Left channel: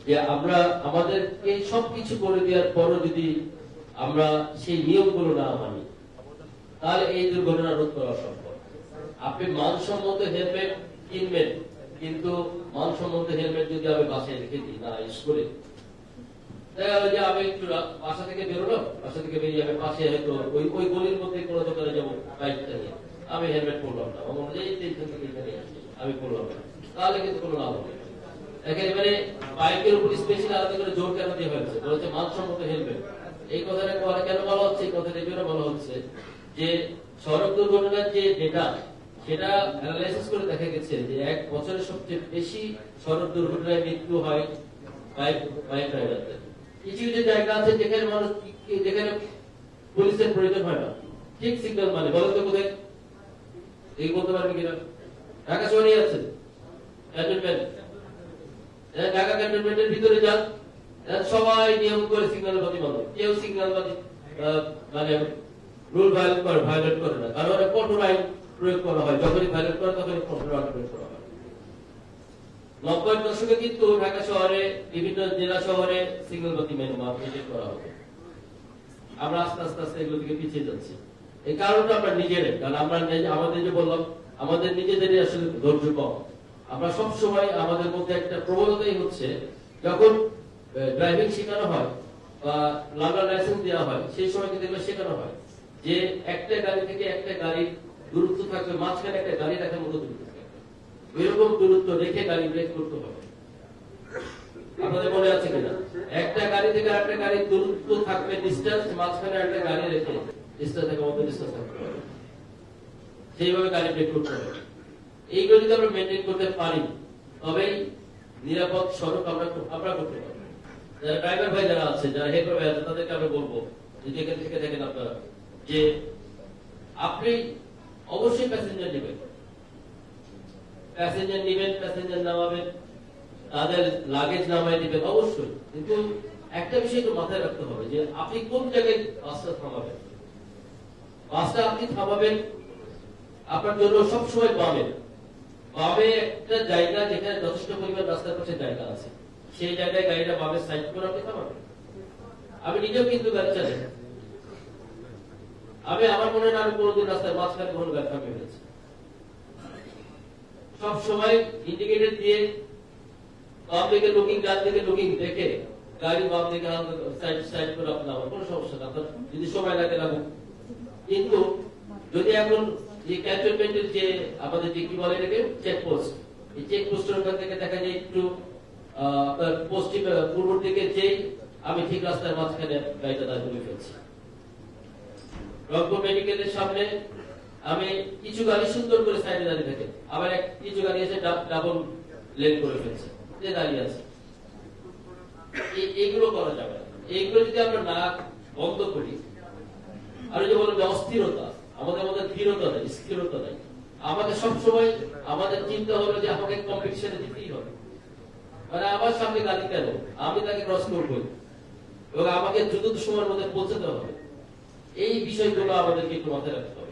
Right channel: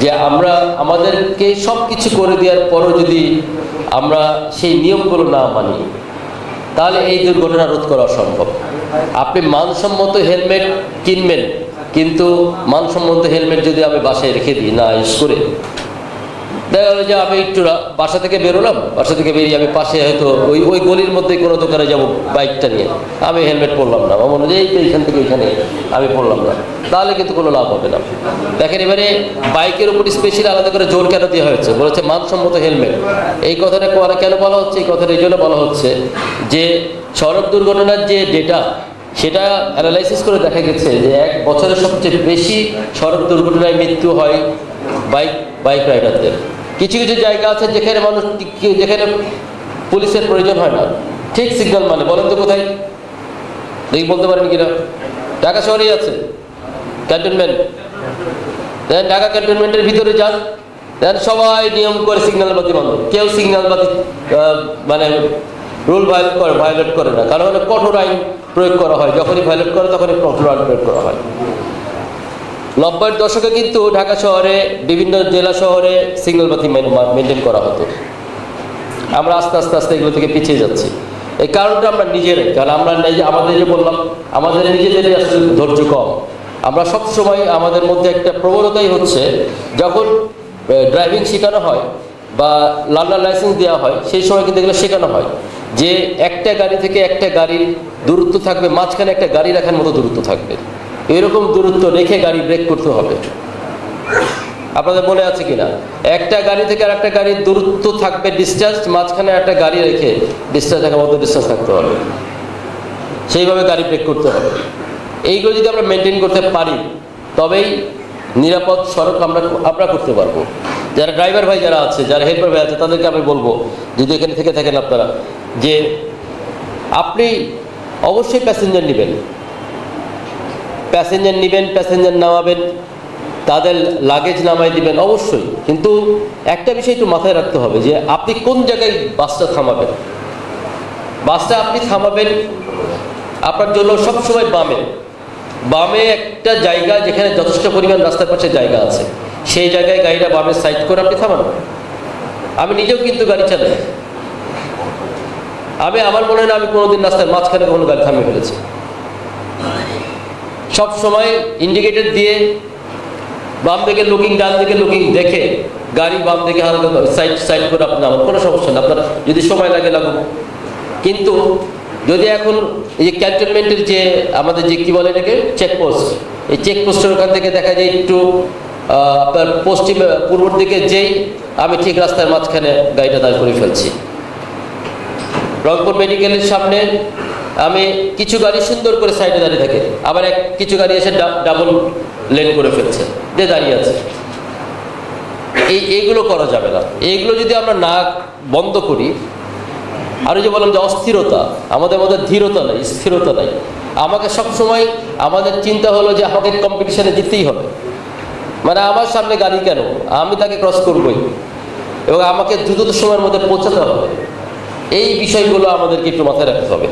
যে আমরা আমাদেরকে সব কিছু করে দেওয়ার পরও যদি আমরা সেই নিয়মগুলো না মানি, তাহলে এই দুর্ঘটনা রোধ করা অসম্ভব। আপনি মানসম্মত হেলমেট কিনবেন, কিন্তু মানসম্মত হেলমেট যদি আমি বাসায় রেখে দিই না ইউজ করে, দেখা গেল যে আমি একটু বাসা থেকে বেরোলাম, বাসা থেকে বেরিয়ে আমি পাশে হয়তো ওই গলির মধ্যে কোনো দোকানে যাব বাইকটা নিয়ে, আমি হেলমেট পরলাম না, আমার মনে হয় এইখান থেকে ওইখানে আমি পরলাম না, তাহলে কিন্তু কোনো লাভ হবে না। দেখেন এবারে বাইকের উপর স্পেশালি আলাদা করে জোর কেন দেওয়া হয়েছে, বলেছে মানসম্মত হেলমেট। এই কথাটা কেন বলা হচ্ছে? এই কথাটা এই জন্য বলা হচ্ছে যে সড়ক দুর্ঘটনার যে ডেটা, সেটা অ্যানালাইসিস করে দেখা গেছে যে এক বছরে সবচেয়ে বেশি সড়ক দুর্ঘটনায় মৃত্যু হয় বাইক রাইডারদের। কিছু কিছু জায়গা আছে যেখানে যেখানে পুলিশের প্রয়োজন হয় না, ঠিক সিগন্যাল মানে, বলেন তো কোথায়? দেখি বলতে পারেন কিনা? ঢাকা শহরেই আছে ক্যান্টনমেন্ট। দেন ঢাকা ক্যান্টনমেন্টের ভিতরে যান, দেন সবাই নিয়ম করে সিগন্যাল বাতি বন্ধ, কেউ সিগন্যাল বাতি মানে রুল ভায়োলেট করে না, কারণ কঠোর আইন প্রয়োগ করা হয়, যখনই ভায়োলেট করে তখনই কঠোর আইন প্রয়োগ করা হয়। 90-এর দশকে কিন্তু ঢাকা শহরে বিভিন্ন জেলা শহরে সিগন্যাল বাতি মেনটেন করা হতো। আমরা আস্তে আস্তে আস্তে এগুলো থেকে পিছিয়ে যাচ্ছি। এই কারণটা আমরা নিজেরাই, কারণ আমরা আমাদের যে বললাম, আমাদের নিজেদেরই আসলে ধৈর্য কম। আমরা সবসময় আমাদের মধ্যে একটা প্রবণতাই হচ্ছে, যখন ড্রাইভিং শেখানো হয় বা লার্নার লাইসেন্স দেওয়া হয়, সেই সময় কিন্তু এগুলো শেখানো হয় যে একটা গাড়ি থেকে একটা গাড়ির দূরত্ব থাকবে, মাঝখানে একটা গাড়ি রাখার মতো দূরত্ব থাকবে, এরকম দূরত্ব রেখে গাড়ি ব্রেক করতে হবে। আপনাদের মনে আছে কিনা? একটা গাড়ি থেকে আর একটা গাড়ির দূরত্ব থাকবে ডিস্টেন্স, মাঝখানে একটা গাড়ি রেখে ডিস্টেন্স থাকার মতো ডিস্টেন্স থাকতে হবে, সেইভাবে গাড়ি ব্রেক করতে হবে। এইগুলো যদি আমরা মেনটেন করতে পারি, তবেই নিরাপদ সড়ক আমরা করতে পারবো। যারা ড্রাইভার ভাই যারা আছে, যারা হেল্পার ভাই আছে, তাদেরকে আমি বলবো, যদি এখানে থেকে থাকেন আপনারা, যে আপনি অবশ্যই প্যাসেঞ্জার নেবেন, প্যাসেঞ্জার নামাবেন, তাদের লাগেজ নামাই দিবেন অবশ্যই, কিন্তু একটা বিষয় একটু মাথায় রাখতে হবে যে আপনি কোন জায়গায় বাসটা থামাবেন। বাসটা আপনি থামাবেন আপনার জন্য সবসময় বামে একটা জায়গা, যেখানে যথেষ্ট পরিমাণ রাস্তার পাশে জায়গা আছে, সেই জায়গায় গাড়িটা বামে সাইড করে আপনি থামান। আমি নিজেও কিন্তু গাড়ি চালাই, আমার মনে হয় না আমি কোনোদিন রাস্তার মাঝখানে কোনো গাড়ি থামিয়ে ফেলেছি। সব সময় ইন্ডিকেটর দিয়ে বাম দিকে লুকিং, ডান দিকে লুকিং দেখে গাড়ি বাম দিকে হালকা সাইড করে আপনি আমার কোনো সমস্যা না, আপনার যদি সময় লাগুক। কিন্তু যদি এখন এই যে ক্যান্টনমেন্টের যে আমাদের যে কি বলে এটাকে চেকপোস্ট, এই চেকপোস্টের ওখান থেকে দেখা যায় একটু আপনার পূর্বর দিকে যেই আমি ঠিক রাস্তার মাঝখানে গাড়িটা দাঁড় করে ফেলছি। রংপুর মেডিকেলের সামনে আমি কিছু গাড়ি সুন্দর করে সাইডে দাঁড়িয়ে থাকে, আবার কিছু গাড়ি এসে ডাবল লেন করে ফেলছে, যে দাঁড়িয়ে আছে। এইগুলো করা যাবে না। এইগুলো যদি আমরা না বন্ধ করি, আর যে বললাম যে অস্থিরতা, আমাদের মধ্যে ধীরতা নাই, স্থিরতা নাই। আমাকে সবসময় আমাদের চিন্তা হলো যে আমাকে কম্পিটিশনে জিততেই হবে, মানে আমার সামনে গাড়ি কেন, আমি তাকে ক্রস করবই, এবং আমাকে দ্রুত সময়ের মধ্যে পৌঁছাতে হবে। এই বিষয়গুলো আমাদেরকে একটু মাথায় রাখতে হবে।